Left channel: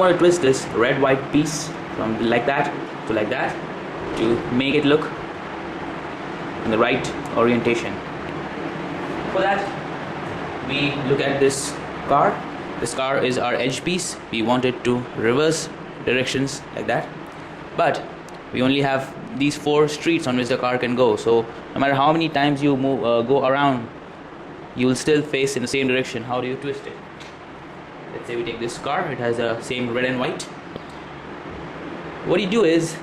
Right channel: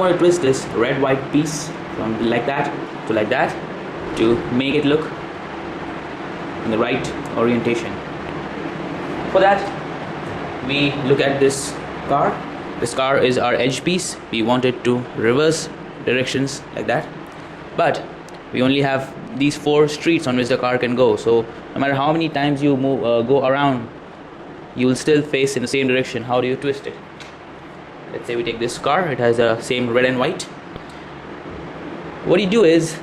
now want to twist this red white piece from like that to make it look in the right orientation. For that, we look at this car. This car is our edge piece. We want it to reverse directions like that, but we only have these 4 streets on which the car can go. So no matter how many times you go around, you will still face in the same direction. How do you twist it? Let's say we take this car. It has the same red and white. What you do is,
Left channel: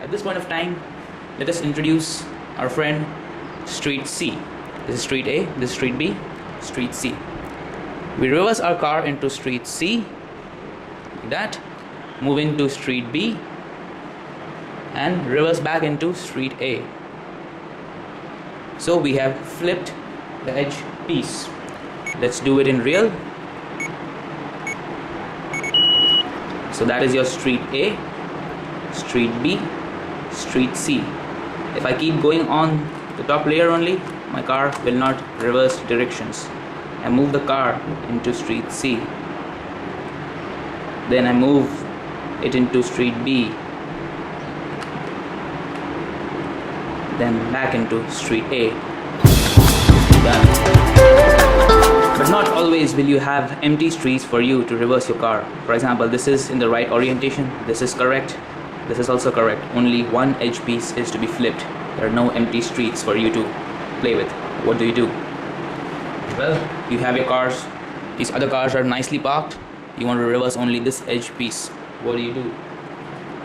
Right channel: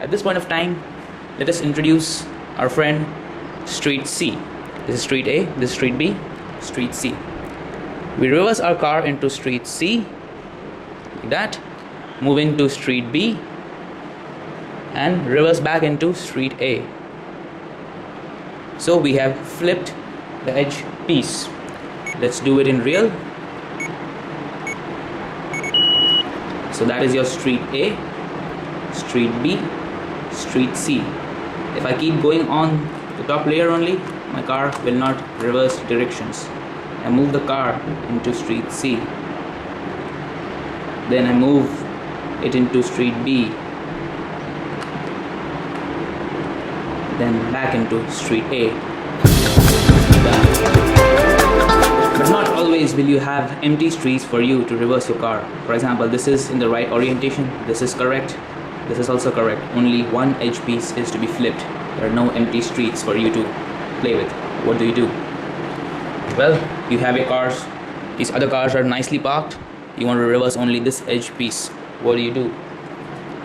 at this point of time, let us introduce our friend street C. This is street A, this is street B, street C. We reverse our car into street C like that, move into street B, and reverse back into street A. So we have flipped the edge piece. Let's do it in real. So that is your street A, street B, street C. If I keep going on the top layer only, my car will not reverse directions. I move the car into street C, then I move it into street B, then back into street A. Done. But not always will you have empty streets for you to reverse your car. For example, this is in the right orientation, this is correct, this is also correct. Only one edge piece is to be flipped. There are no empty streets for you to play with. What do? Well, you have your cars. These other cars are nicely parked. You want to reverse only this edge piece. What do?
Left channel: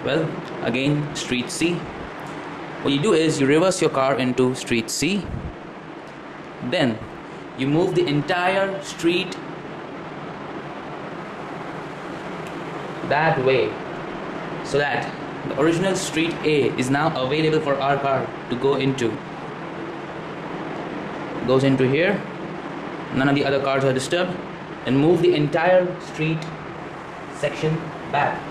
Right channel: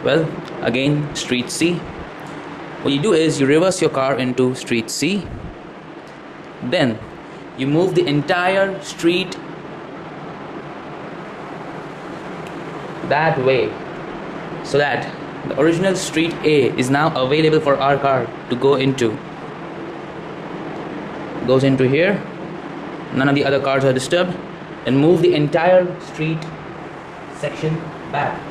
Well, again, street C. What you do is you reverse your car into street C. Then you move the entire street that way, so that the original street A is now available for our car to go into. Goes into here. None of the other cars are disturbed. And move the entire street section back.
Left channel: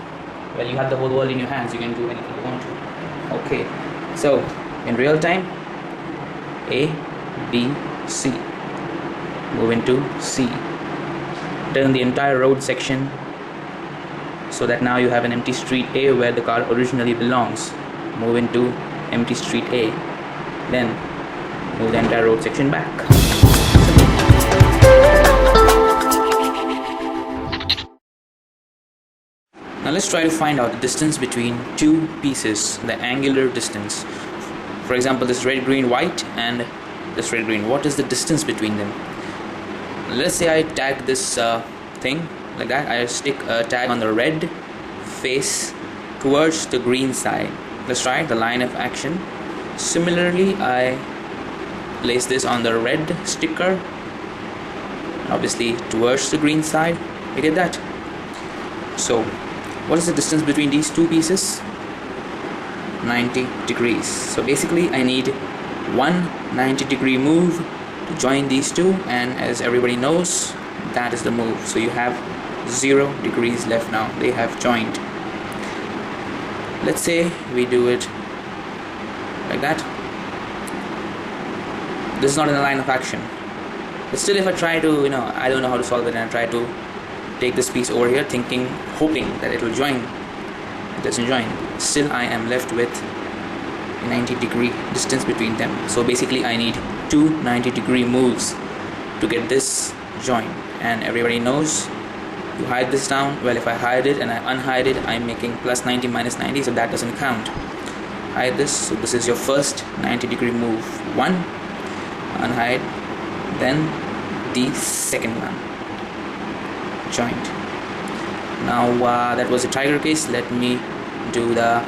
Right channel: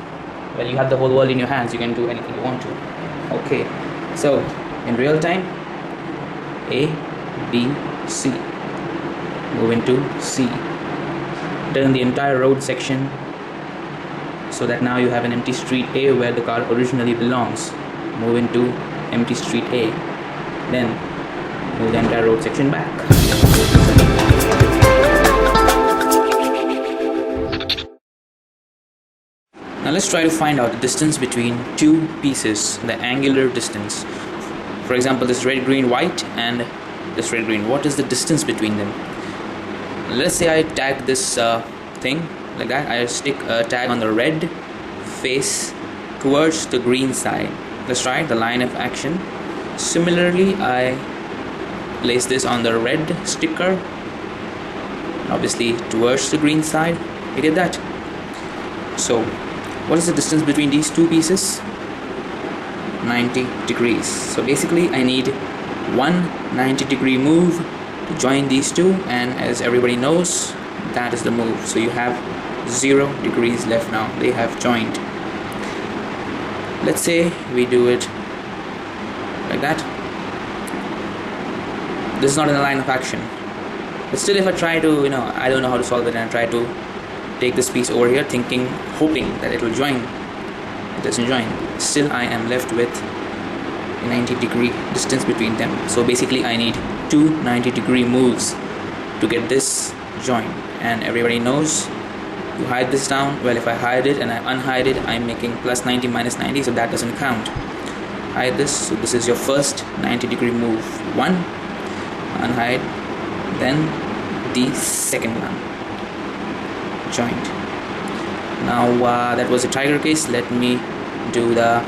Well, you have the whole world in your hands. You can do anything you want to. Okay. So in real time, A, B, C. Move into C. Turn the entire road section so that now you have an empty street A where the car originally belongs. Move into empty street A. Then move the entire road section back. Simple. Now let's try to find out the distance between 2 pieces, the angular distance. For example, this red, green, white and this red, green. What is the distance between them? Let's say I tag this thing like that. I stick a tag on the red face towards the green side. Let's try the line of action. Similarly, I place this on the red sticker, obviously towards the green side. You get that? So what is the distance between these 2 pieces? 90 degrees. So basically I need one 90-degree move to join these 2, and as everybody knows, that is the move. So you have 0 degrees left now. They have joined. Let's say we do it like that. This is not in the line of action, but still if I try to, I don't know how to solve it, and I try to take this piece over here hoping that it will join, it doesn't join. Still I am left with a 90-degree distance between them. So basically I need 2 90-degree moves to get this join, and everybody knows you hide this down. Well, if I hide it and I unhide it, I'm making plus 90 minus 90, so that doesn't count. Hide this. So this is your first 90-degree move. 1, unhide, then the second one, joint. Now that was the tiger case. Let me do the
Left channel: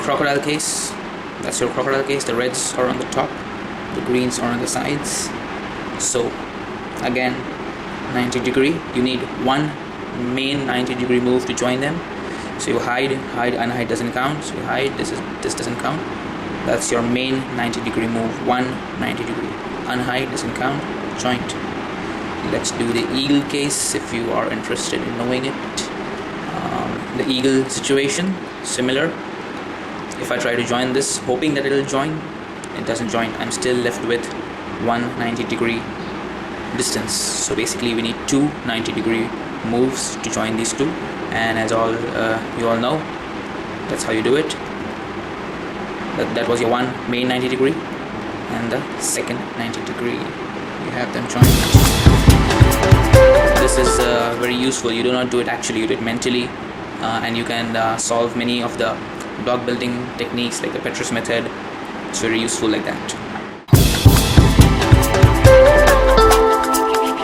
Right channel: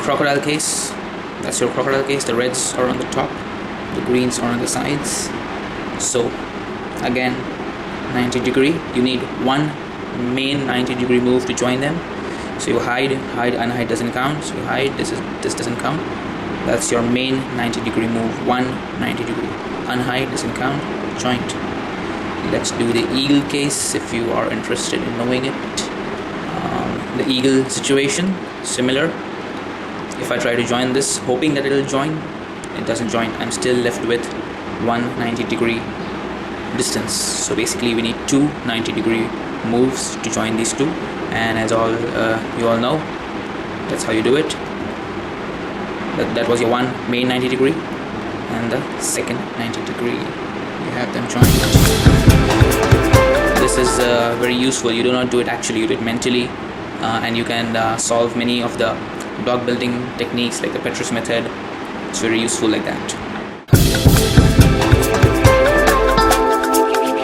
crocodile case. That's your crocodile case. The reds are on the top, the greens are on the sides. So again, 90-degree. You need one main 90-degree move to join them. So you hide, unhide doesn't count. So you hide, this doesn't count. That's your main 90-degree move. One 90-degree. Unhide doesn't count. Joint. Let's do the eagle case if you are interested in knowing it. The eagle situation, similar. If I try to join this hoping that it will join, it doesn't join. I'm still left with one 90-degree distance. So basically we need 2 90-degree moves to join these two, and as you all know, that's how you do it. That was your one main 90 degree and the second 90 degree. You have them joined. This is very useful. You do not do it actually, you do it mentally, and you can solve many of the block building techniques like the Petrus method. It's very useful like that.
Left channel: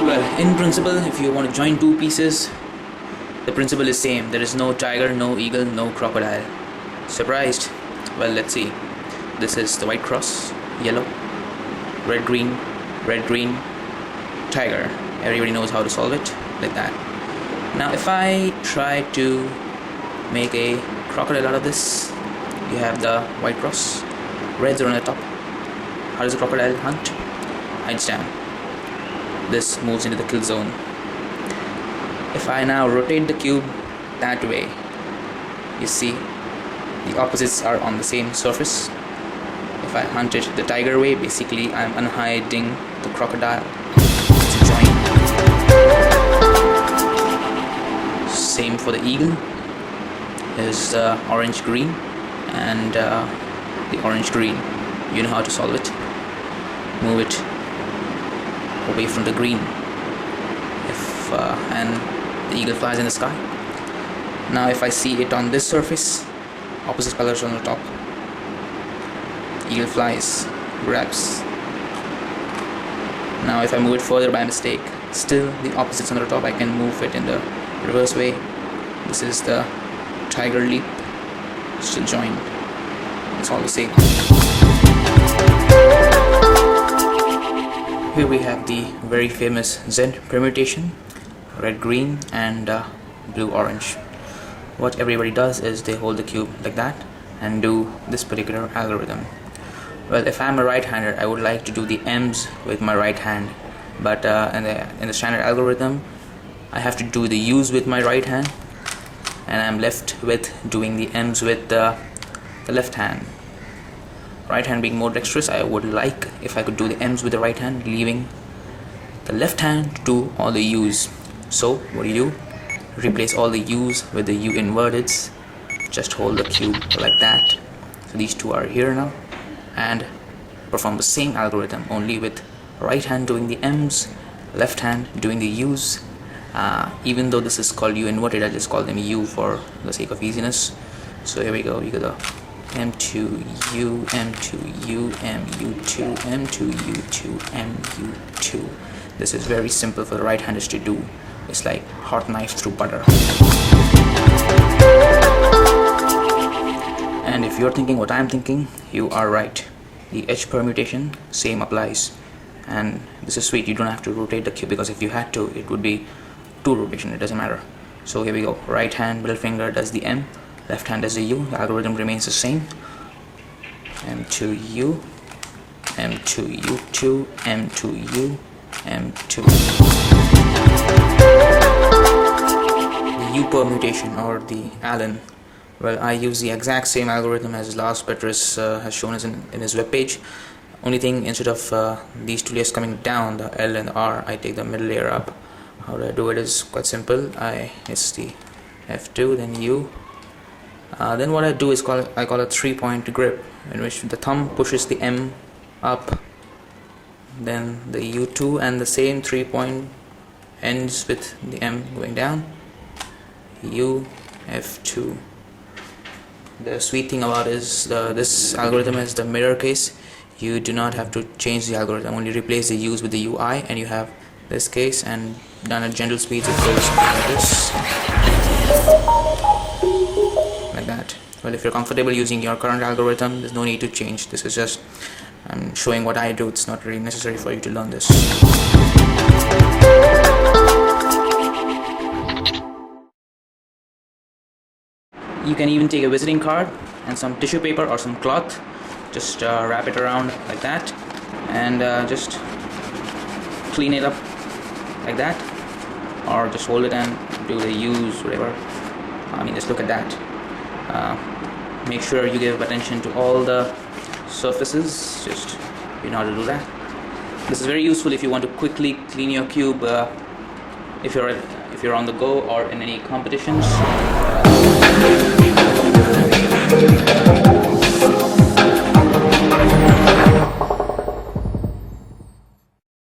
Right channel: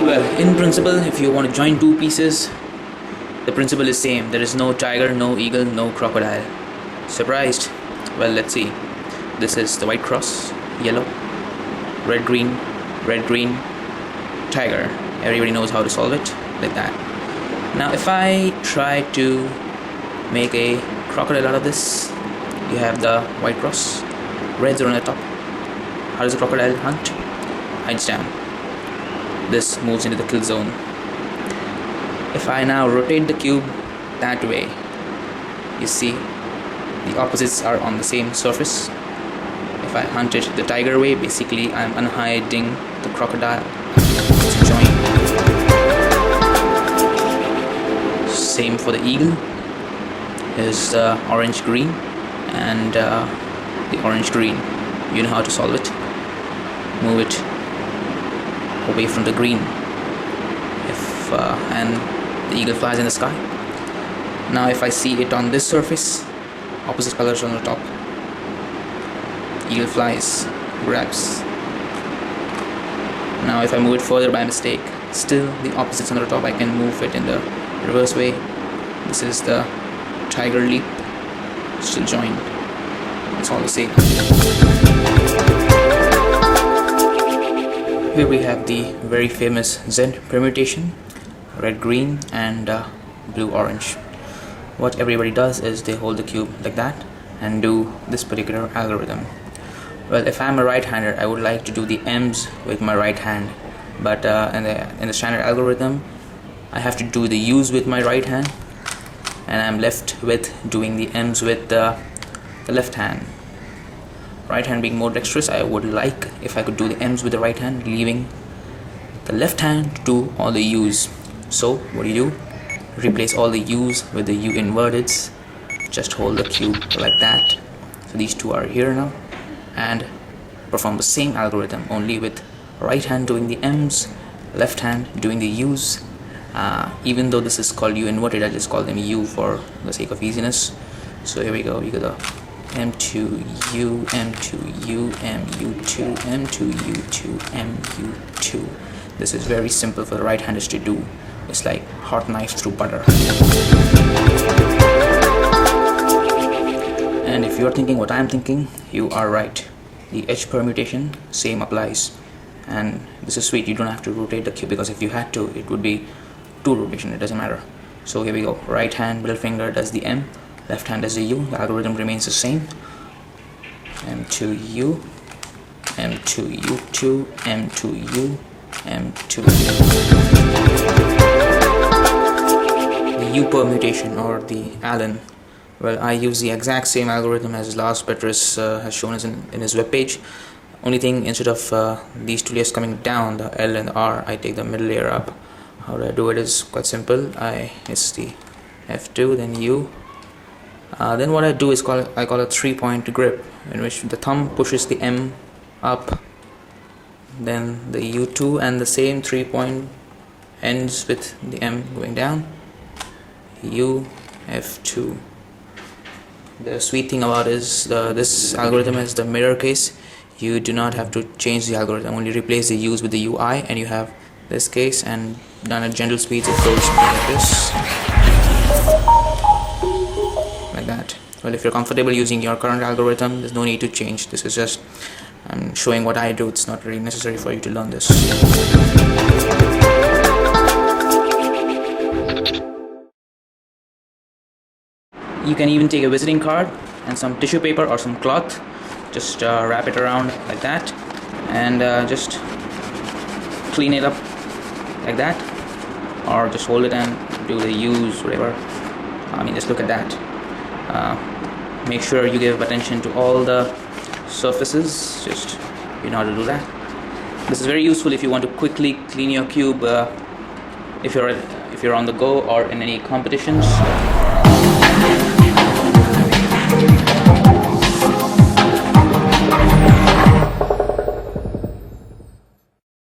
Well, in principle, if you want to join two pieces, the principle is same. There is no tiger, no eagle, no crocodile. Surprised? Well, let's see. This is the white cross, yellow, red, green, tiger. Everybody knows how to solve it like that. Now, if I try to make a crocodile out of this, you have the white cross, reds are on the top. How does the crocodile hunt? Hides down. This moves into the kill zone. If I now rotate the cube that way, you see the opposites are on the same surface. If I hunt it the tiger way, basically I'm unhiding the crocodile. It's a join. Same for the eagle. Is orange green and the orange green. You know how to solve it. Move it away from the green. And the eagle flies in the sky. Now if I see it on this surface, opposite colors on the top. Eagle flies, grabs. Now if I move it further by mistake, still the opposites on the top, I can move it in the reverse way. This is the tiger leap, still joined. It's all the same. Here we have the very famous Z permutation, red green and blue orange. What everybody does is they hold the cube like that and do this particular algorithm. Well, if I'm a right-hander, I would like to do the M's with my right hand, but in the standard algorithm I have to do the U's with my right hand, and I'm left with doing the M's with the left hand. Right hand being more dexterous, I would like if I could do the M's with the right hand, leaving the left hand to do all the U's. So what do? Replace all the U's with the U inverteds. Just hold the cube like that. So these two are here now, and perform the same algorithm, only with right hand doing the M's, left hand doing the U's. Even though this is called U inverted, I just call them U for the sake of easiness. So here we go. You got the M2 U, M2 U, MU2, M2 U2, MU2. This is very simple for the right handers to do. It's like hot knife through butter. And if you're thinking what I'm thinking, you are right. The H permutation, same applies. And this is sweet, you don't have to rotate the cube, because if you had to, it would be two rotation, it doesn't matter. So here we go. Right hand middle finger does the M, left hand does the U. The algorithm remains the same. M2U, M2U2, M2U, M2. The U permutation, or the Allen. Well, I use the exact same algorithm as Lars Petrus has shown us in his webpage. Only thing, instead of these two layers coming down, the L and the R, I take the middle layer up. How do I do it is quite simple. It's the F2, then U. Then what I do is I call a 3-point grip, in which the thumb pushes the M up, then the U2, and the same 3-point ends with the M going down. U, F2. The sweet thing about this algorithm is the mirror case. You do not have to change the algorithm, only replace the U's with the UI, and you have this case, and done at gentle speeds it goes something like this, like that. Well, if you're comfortable using your current algorithm, there's no need to change. This is just I'm showing what I do. It's not really necessary for you to learn this. You can even take a visiting card and some tissue paper or some cloth, just wrap it around like that, and just clean it up like that, or just hold it and do the U's, whatever. I mean, just look at that. Make sure you give attention to all the surfaces. Just you know how to do that. This is very useful if you want to quickly clean your cube. If you're if you're on the go or in any competitions,